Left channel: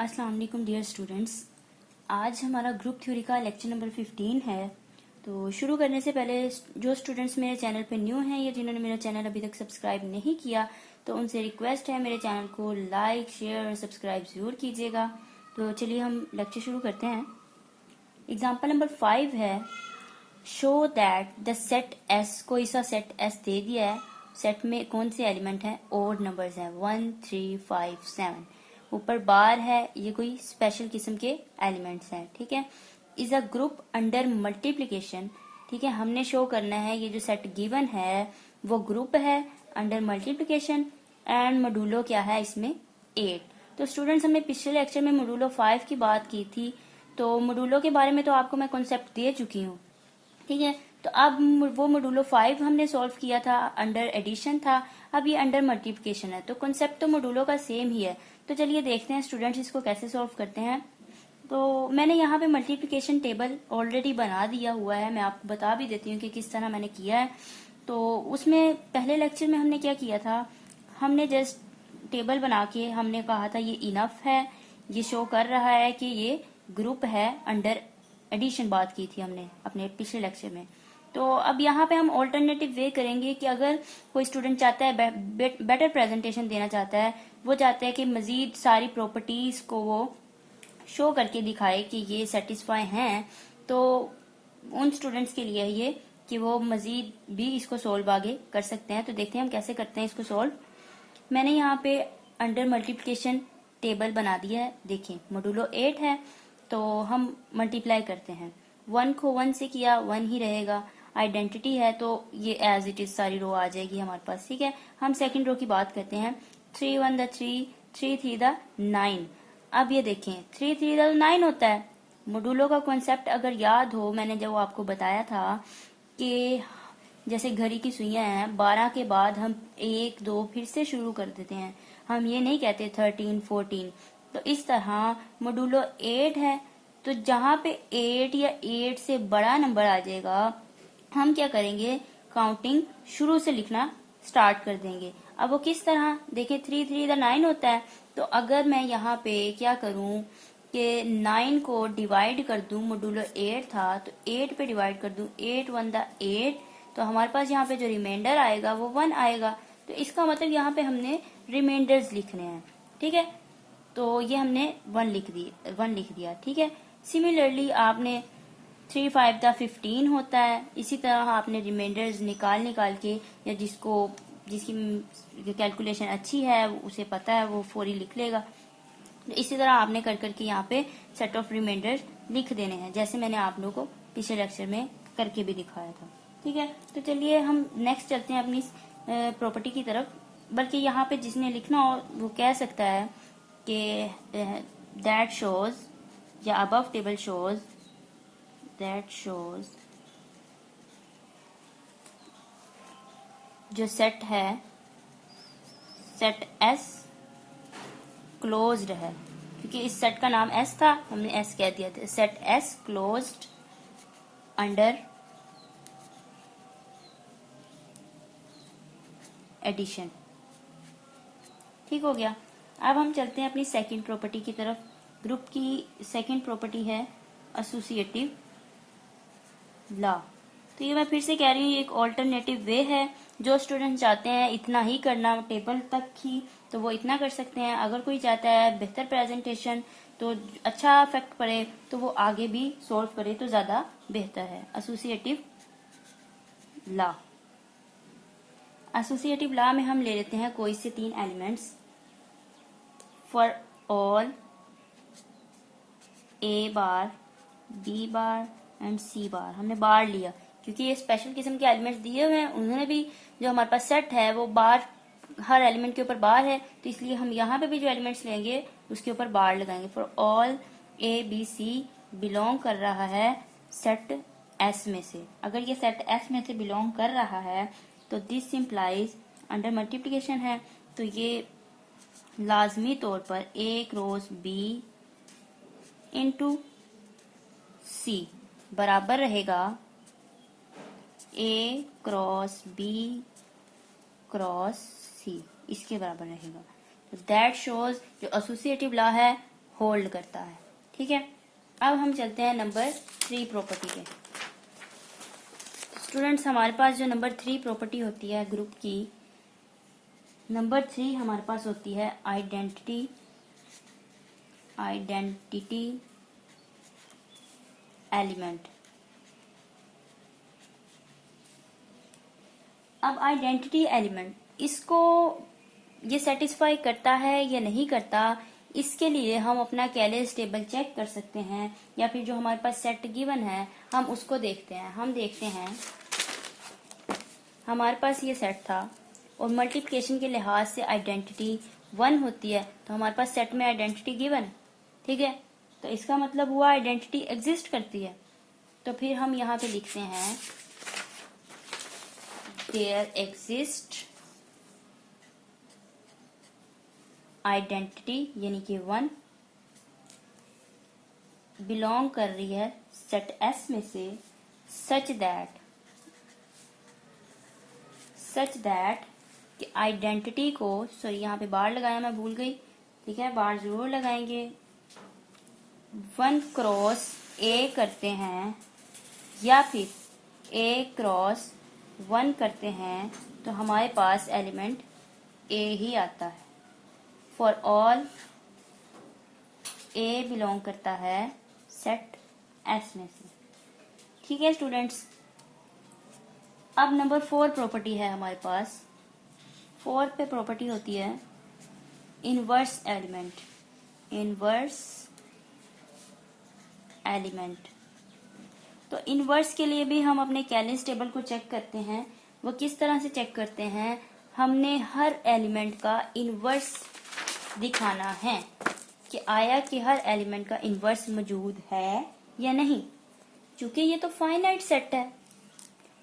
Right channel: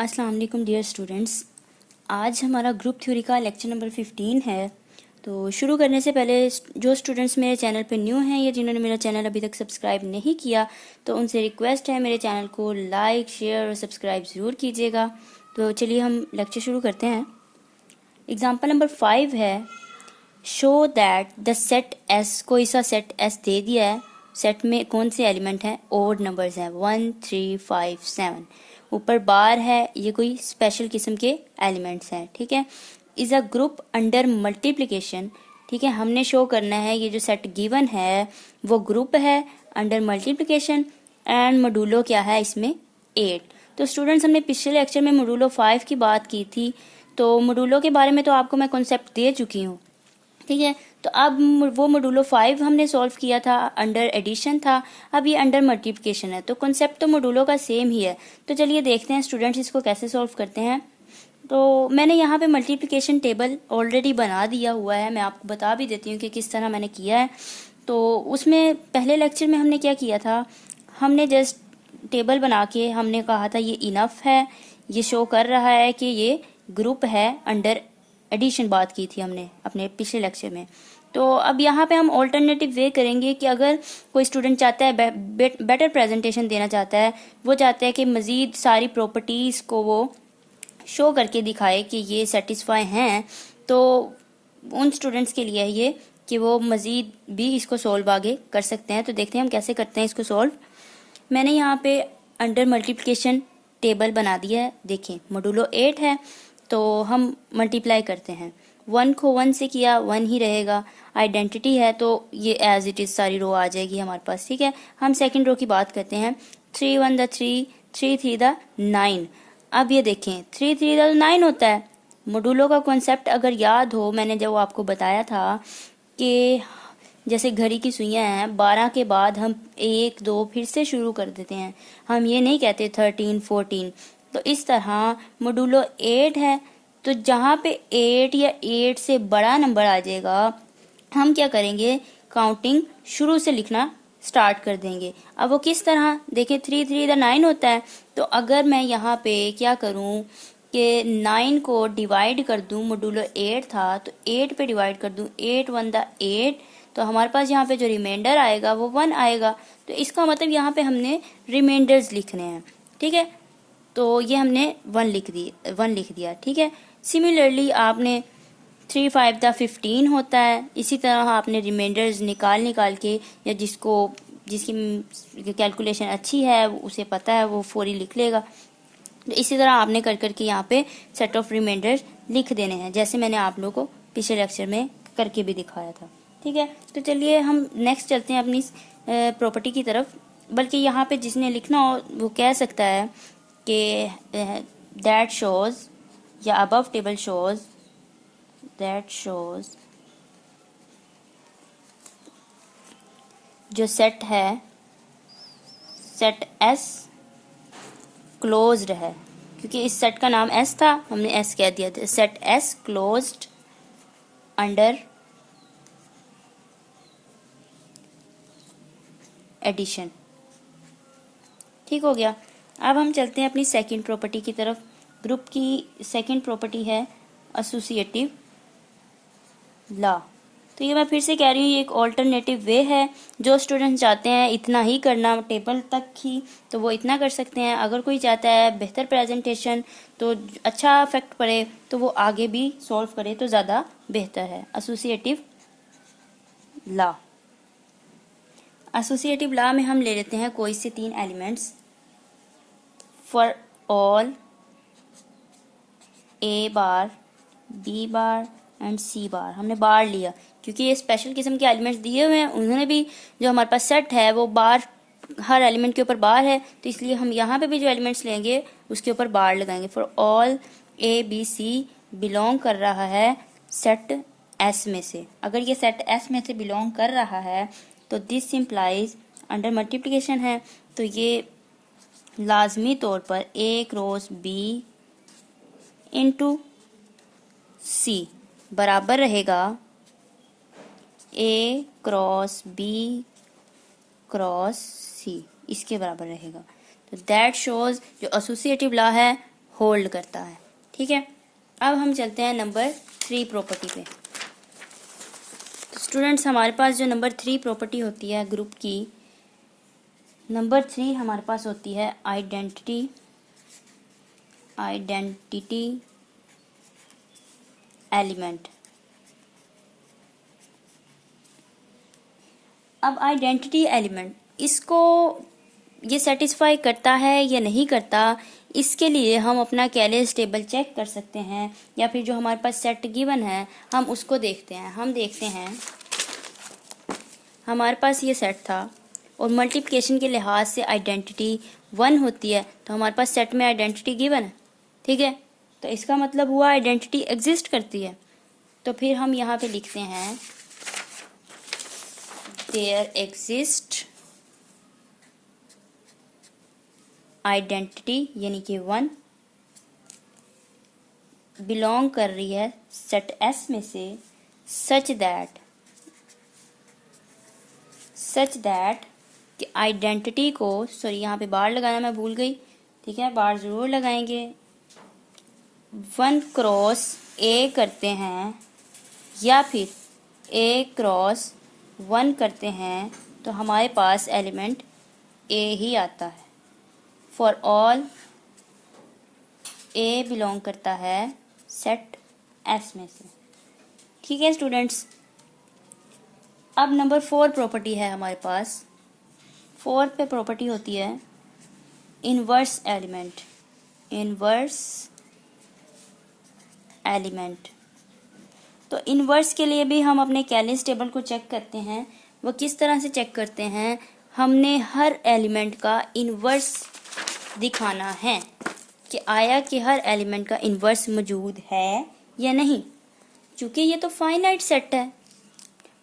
अस्सलाम वालेकुम dear students. आज हमारा ग्रुप थ्योरी का लेक्चर नंबर 15 है। तो शुरू करने से पहले जो स्टूडेंट्स मेरे चैनल पे न्यू हैं या जिन्होंने मेरा चैनल अभी तक सब्सक्राइब नहीं किया तो उनसे रिक्वेस्ट है मेरे चैनल को लाइक शेयर और सब्सक्राइब ज़रूर कीजिएगा। तो चलिए हम लेक्चर शुरू करते हैं। एग्जाम्पल नंबर 5 है, show that the set S, कोई सा सेट एस दे दिया है। सेट में कौन से एलिमेंट हैं? ओड नंबर्स हैं 1 3 5 7। ऊपर बार है, ये कोई स्पेशल किस्म के एलिमेंट्स हैं। ठीक है, is a group under multiplication. ठीक है, हमने शो करना है ये जो सेट गिवन है वो ग्रुप है अंडर मल्टीप्लिकेशन एंड मॉड्यूलो क्या है इसमें 8। तो स्टूडेंट्स हमने पिछले लेक्चर में मॉड्यूलो 5 की बात की थी, तो मॉड्यूलो के बारे में तो आपको मैं कॉन्सेप्ट दे चुकी हूँ। ठीक है, तो अब वो मॉड्यूलो 5 हमने सॉल्व किया था, अंडर एडिशन था। अब ये अंडर मल्टीप्लिकेशन है, तो कॉन्सेप्ट तो मॉड्यूलो का सेम ही है। तो चलिए देखते हैं स्टूडेंट्स इसको कैसे सॉल्व करते हैं। तो मैंने यहाँ पे मल्टीप्लिकेशन टेबल ऑलरेडी बना दिया हुआ है, मैं आपको बता भी देती हूँ कि किस तरह मैंने किया है। तो उसमें पहले लेक्चर में हमने क्या किया था, हमने जस्ट टेबल बना के हमने कहा था ये इनफ है, ये शो कर रहा है कि ये ग्रुप है अंडर एडिशन, बात की थी हमने अपने पिछले लेक्चर में। तो अब यहाँ पे हम ऑल्टरनेटिव वे करेंगे कि अगर कोई स्टूडेंट चाहता है बेटर प्रेजेंटेशन देना चाहता है, वो चाहता है कि मज़ीद सारी प्रॉपर्टीज़ को वो शो करके दिखाए कि ये सेटिस्फाई हैं, तो उन स्टूडेंट्स के लिए ये कि वो मज़ीद भी इसको सॉल्व आगे कर सकते हैं। तो देखते हैं हम कैसे करते हैं इसको सॉल्व। मैंने यहाँ पे अंडर मल्टीप्लिकेशन टेबल बना दिया है। देखें मॉड्यूलो 8 है, तो हम मल्टीप्लाई करते हैं। 1 को 1 से किया 1 ही रहेगा। आइडेंटिटी है तो ये एज इट इज़ सारी रो आ जाएगी हमारे पास। ठीक है, हम सेकंड रो की बात करते हैं। 3 1 द 3, 3 3 द 9। अब ये देखें 3 3 द 9 होता है। मॉड्यूलो का कॉन्सेप्ट अगर याद हो, मैंने जब आपको बताया था कि जैसे घड़ी की सुइयां हैं, 12 के बाद हम 1 2 फिर से शुरू कर देते हैं, हम ये नहीं कहते 13 14। तो इस तरह मॉड्यूलो 8 है, तो जहाँ पे 8 या 8 से बड़ा नंबर आ जाएगा हम क्या करेंगे, काउंटिंग शुरू से लिखना स्टार्ट कर देंगे। अब वो किस तरह, देखिए 3 3 द 9 होता है, तो अगर मैं यहाँ पे क्या करूँ कि 9 को डिवाइड कर दूँ, मॉड्यूलो 8 था तो 8 पे डिवाइड कर दूँ, 8 1 द 8, तो हमारे पास यहाँ पे जो रिमाइंडर आएगा वो 1 आएगा। तो इसका मतलब यहाँ पे हमने रिमाइंडर्स लिखने हैं। ठीक है, तो ये हमने 1 लिख दिया। ठीक है, सिमिलरली आपने 3 5 द 15 होता है, इसी तरह आपने रिमाइंडर्स निकाल के, या जिसकी कैलकुलेशन अच्छी है उसे पता है वो फौरी लिख लेगा। तो इसी तरह आपने कर करके यहाँ पे सेट ऑफ रिमाइंडर्स लिख देने हैं, जैसे मैंने आप लोगों को पिछले लेक्चर में करके भी दिखाया था। ठीक है, तो चलिए हम नेक्स्ट चलते हैं अपनी प्रॉपर्टी की तरफ। बल्कि यहाँ पे जिसने लिखना हो वो कह सकता है कि दैट शोज, या above table shows, that shows जो सेट है, सेट एस क्लोज्ड है, क्योंकि इस सेट का नाम एस था, हमने एस कह दिया था। Set S closed under addition. ठीक हो गया। अब हम चलते हैं अपनी सेकंड प्रॉपर्टी की तरफ। ग्रुप की सेकंड प्रॉपर्टी है एसोसिएटिव लॉ। तो ये मैं फिर से कह रही हूँ, ये एक ऑल्टरनेटिव वे है। जो स्टूडेंट चाहते हैं इतना ही करना टेबल तक ही, तो वो इतना कर सकते हैं। अगर कोई चाहता है बेहतर प्रेजेंटेशन, तो अच्छा इफेक्ट पड़े, तो वो आगे भी सॉल्व करे तो ज़्यादा बेहतर है। एसोसिएटिव लॉ, एसोसिएटिव लॉ में हम ले लेते हैं कोई से 3 elements. For all A bar, B bar and C bar, हमने बार लिया क्योंकि ये स्पेशल किस्म के एलिमेंट्स दिए हुए हैं। उन्होंने भी जो हमारे पास सेट है वो बार, हर एलिमेंट के ऊपर बार है, तो इसलिए हम यहाँ पे भी जो एलिमेंट्स लेंगे उसके ऊपर बार लगाएंगे। For all A B C belong कर रहा है सेट एस में से। अगर ये सेट एस में से बिलोंग कर रहा है तो दिस इम्प्लाइज, अंडर मल्टीप्लिकेशन है तो ये लाजमी तौर पर ए क्रॉस बी इंटू सी बराबर रहेगा ए क्रॉस बी क्रॉस सी, इसके बराबर रहेगा। तो दैट शोज जो एसोसिएटिव लॉ है होल्ड करता है। ठीक है, अब हम चलते हैं नंबर 3 प्रॉपर्टी पे। स्टूडेंट्स, हमारे पास जो नंबर 3 प्रॉपर्टी होती है ग्रुप की, नंबर 3 हमारे पास होती है आइडेंटिटी एलिमेंट। अब आइडेंटिटी एलिमेंट, इसको ये सेटिस्फाई करता है या नहीं करता, इसके लिए हम अपना कैलेज टेबल चेक कर सकते हैं, या फिर जो हमारे पास सेट गिवन है हम उसको देखते हैं। हम देखते हैं, हमारे पास ये सेट था और मल्टीप्लिकेशन के लिहाज से आइडेंटिटी 1 होती है, तो हमारे पास सेट में आइडेंटिटी गिवन है। ठीक है, तो इसका मतलब हुआ आइडेंटिटी एग्जिस्ट करती है। तो फिर हम यहाँ पे लिखते हैं देयर एग्जिस्ट आइडेंटिटी, यानी कि 1 बिलोंग कर रही है सेट एस में से, सच दैट कि आइडेंटिटी को, सॉरी यहाँ पे बार लगाना मैं भूल गई। ठीक है, बार जरूर लगाएंगे। 1 क्रॉस ए करते हैं या फिर ए क्रॉस 1 करते हैं तो हमारे पास एलिमेंट ए ही आता है। फॉर ऑल ए बिलोंग करता है सेट एस में से। ठीक है स्टूडेंट्स, अब नंबर 4 प्रॉपर्टी है हमारे पास। 4 पे प्रॉपर्टी होती है इनवर्स एलिमेंट। तो इनवर्स के लिए भी हम अपने कैलेज टेबल को चेक करते हैं। वो किस तरह से चेक करते हैं, हमने हर एलिमेंट का इनवर्स दिखाना है कि आया कि हर एलिमेंट का इनवर्स मौजूद है या नहीं। क्योंकि ये तो फाइनाइट सेट है,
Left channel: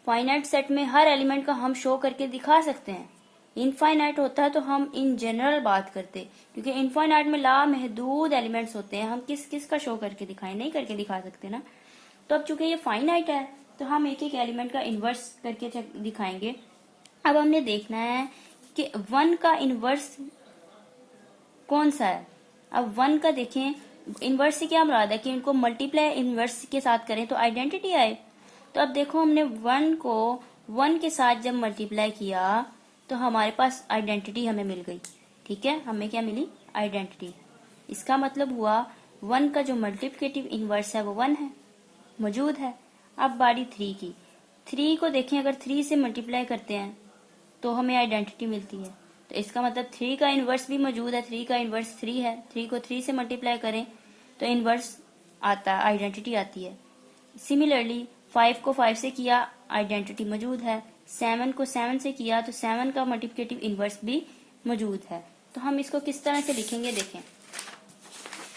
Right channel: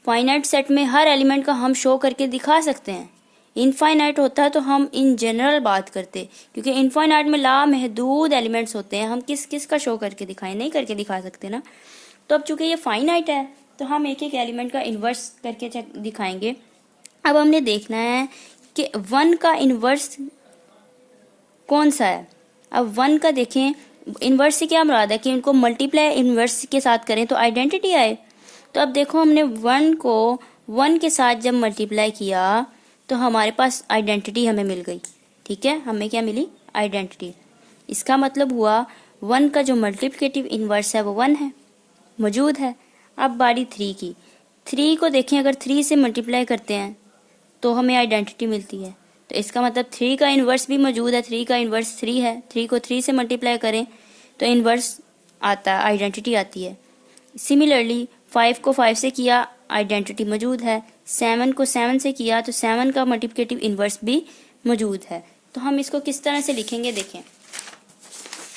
फाइनाइट सेट में हर एलिमेंट का हम शो करके दिखा सकते हैं। इनफाइनाइट होता है तो हम इन जनरल बात करते, क्योंकि इनफाइनाइट में लामहदूद एलिमेंट्स होते हैं, हम किस किस का शो करके दिखाएं, नहीं करके दिखा सकते ना। तो अब चूंकि ये फाइनाइट है तो हम एक एक एलिमेंट का इन्वर्स करके दिखाएंगे। अब हमने देखना है कि 1 का इन्वर्स कौन सा है। अब 1 का देखें, इन्वर्स से क्या मुराद है कि इनको मल्टीप्लाई इन्वर्स के साथ करें तो आइडेंटिटी आए। तो अब देखो, हमने 1 को 1 के साथ जब मल्टीप्लाई किया तो हमारे पास आइडेंटिटी हमें मिल गई। ठीक है, हमें क्या मिली, आइडेंटिटी। इसका मतलब हुआ 1 का जो मल्टीप्लिकेटिव इन्वर्स है वो 1 है, मौजूद है। अब बारी 3 की। 3 को देखें, अगर 3 से मल्टीप्लाई करते हैं तो हमें आइडेंटिटी मिलती है। तो इसका मतलब 3 का इन्वर्स भी मौजूद है। 3 का इन्वर्स 3 है। 3 को 3 से मल्टीप्लाई करें तो इन्वर्स आता है, आइडेंटिटी आती है। सिमिलरली 5 को 5 से किया, आइडेंटिटी मौजूद है। 7 को 7 से किया तो 7 का मल्टीप्लिकेटिव इन्वर्स भी मौजूद है। तो हम इसको किस तरह से लिखेंगे, देखें।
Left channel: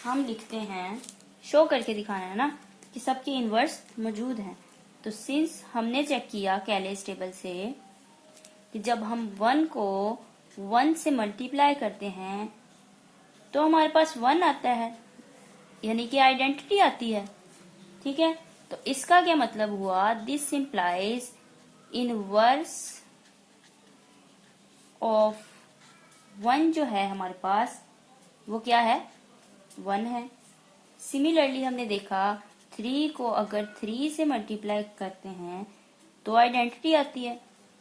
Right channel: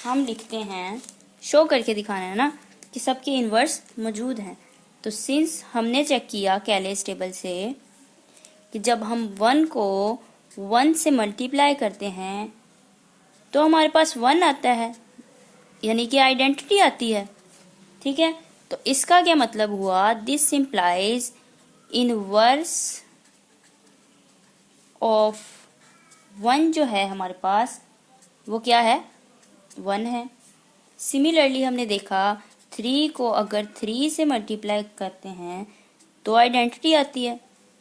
हम लिखते हैं, शो करके दिखाना है ना कि सबके इन्वर्स मौजूद हैं। तो सिंस हमने चेक किया कैलेज टेबल से कि जब हम 1 को 1 से मल्टीप्लाई करते हैं तो हमारे पास 1 आता है, यानी कि आइडेंटिटी आती है। ठीक है, तो इसका क्या मतलब हुआ, दिस इम्प्लाइज इनवर्स ऑफ 1 जो है हमारे पास वो क्या है, 1 है। सिमिलरली हमने देखा 3 को अगर 3 से मल्टीप्लाई करते हैं तो आइडेंटिटी आती है।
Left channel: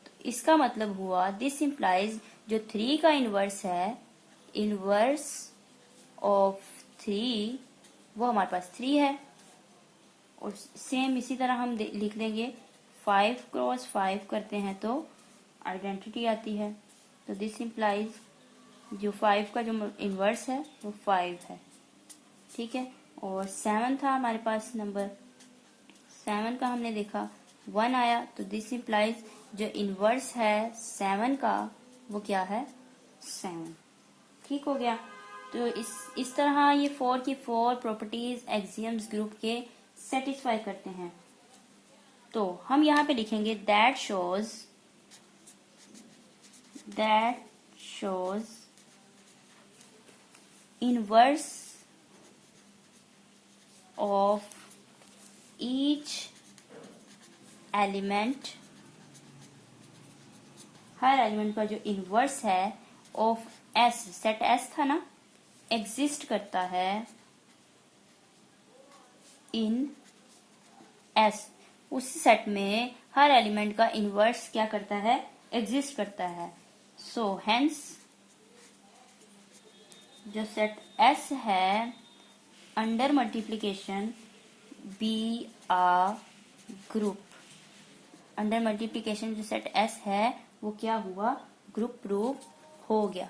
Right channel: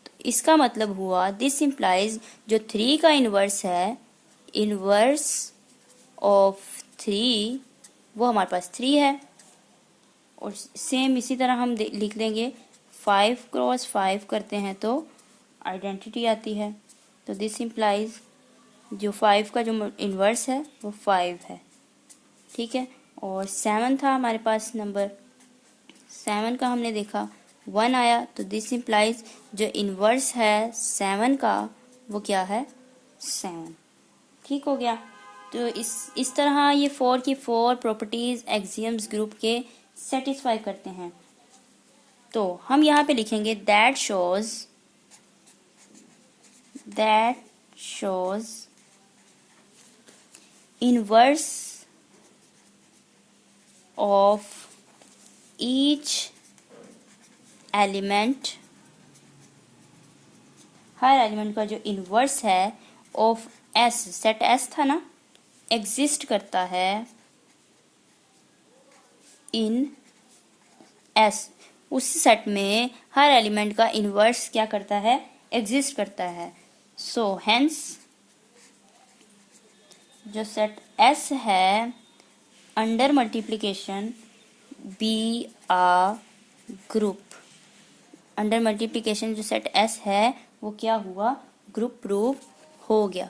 तो इसका मतलब हुआ दिस इम्प्लाइज जो 3 का इनवर्स है, इनवर्स ऑफ 3 वो हमारे पास 3 है। और सेम इसी तरह हम लिख देंगे 5 क्रॉस 5 करते हैं तो आइडेंटिटी आती है। तो दिस इम्प्लाइज जो 5 का जो इनवर्स है वो 5 है। ठीक है, और 7 था हमारे पास नंबर, 7 का हमने देखा 1 आया, तो दिस इम्प्लाइज जो इनवर्स है 7 का वो क्या है, 7। ठीक हो गया। तो इस तरह ये 4 की 4 प्रॉपर्टीज एक्सियम्स ग्रुप के सेटिस्फाई करते हैं। तो हम यहाँ पे लिखेंगे that shows inverse of each element, her element का जो इनवर्स है ऑफ एस, सेट एस था ना, एग्जिस्ट करता है इन एस, उस सेट में हर एलिमेंट का इनवर्स क्या करता है, एग्जिस्ट करता है। सो हेंस जो सेट एस है अंडर मल्टीप्लिकेशन बी आ ग्रुप, अंडर मल्टीप्लिकेशन जो सेट एस है वो क्या हुआ, ग्रुप प्रूव हो गया।